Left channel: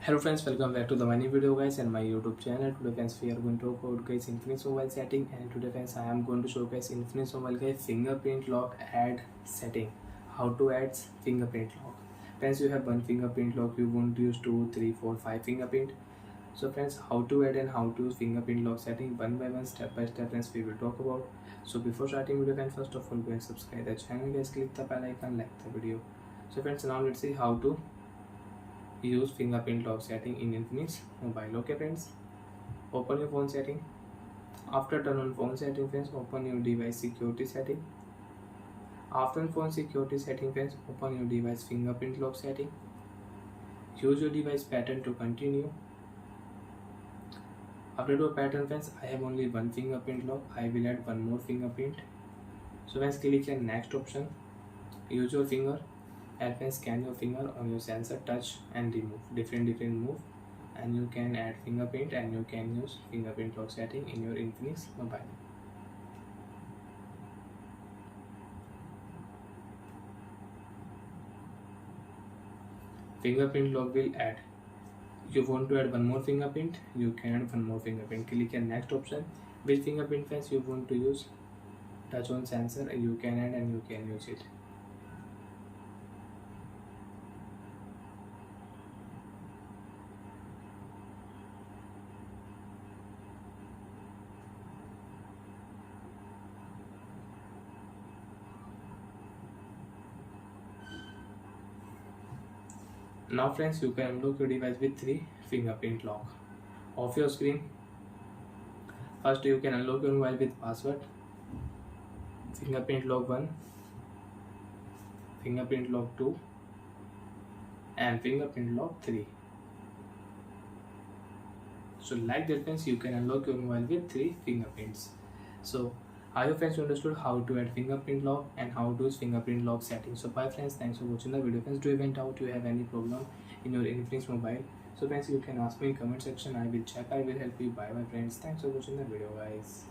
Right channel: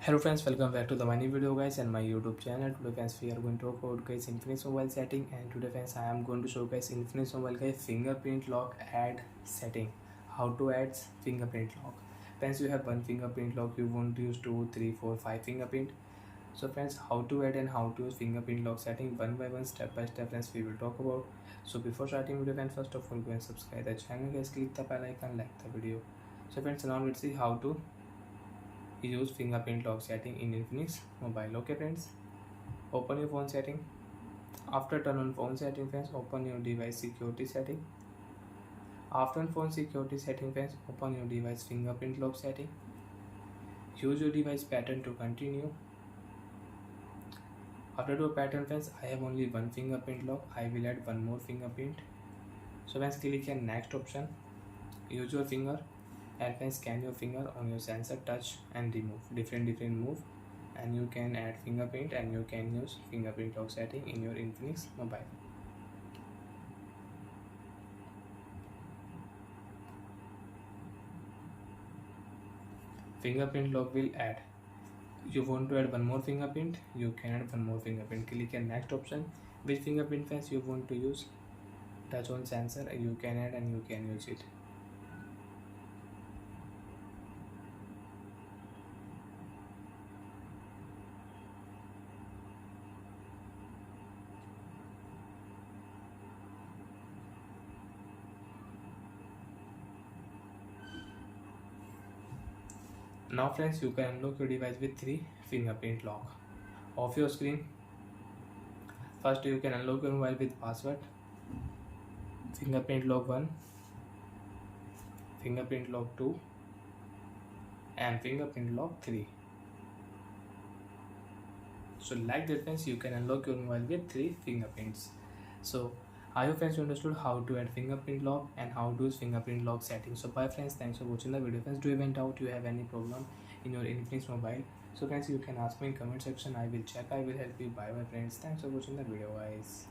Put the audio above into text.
Hello friends, welcome back to the new video guys and my YouTube channel. Today friends we are going to talk about guys Infinix mobile setting, and today friends I am going to show guys Infinix mobile guys fingerprint lock add setting. How to add fingerprint lock. Friends, you have one fingerprint lock, you won't use 2, 3, 4, 5 fingerprint. So friends, how to add and how to use fingerprint lock setting one by one, step by step friends we will talk about. So before starting video friends, first of all go and subscribe the channel guys, click the bell icon, like the video. So friends, now let's see how to use fingerprint lock setting in Infinix mobile. Okay friends, open your phone setting. After turn on phone setting friends, open your device security setting. After phone security setting friends, open your device fingerprint lock setting. Use your device pattern to continue. After do a pattern friends, I have only one fingerprint lock, I will add one more fingerprint. So friends, click on next option. Use your finger and then scan your finger on your sensor, touch and remove different move, and you can add fingerprint and you can use fingerprint lock setting in your Infinix mobile. Fingerprint lock will add. You want to add one more fingerprint, you can add one more fingerprint. Click on next option. Which fingerprint fence you want to use, touch on sensor, you can add and you can use it. Now friends, you can unlock your device with 3 fingerprint lock. Off your screen. First you can unlock your mobile with password. Fingerprint lock 1, fingerprint lock 2 and fingerprint lock 3. So like that friends, you can unlock your mobile with 3 fingerprints. So I hope friends you understood how to add fingerprint lock and how to use fingerprint lock settings. So bye friends, thanks for watching the video friends. Do you have any doubt, you have any problem in your Infinix mobile, so friends you can ask me in comment section, I will check, I will help you. Bye my friends, thanks for watching the video guys.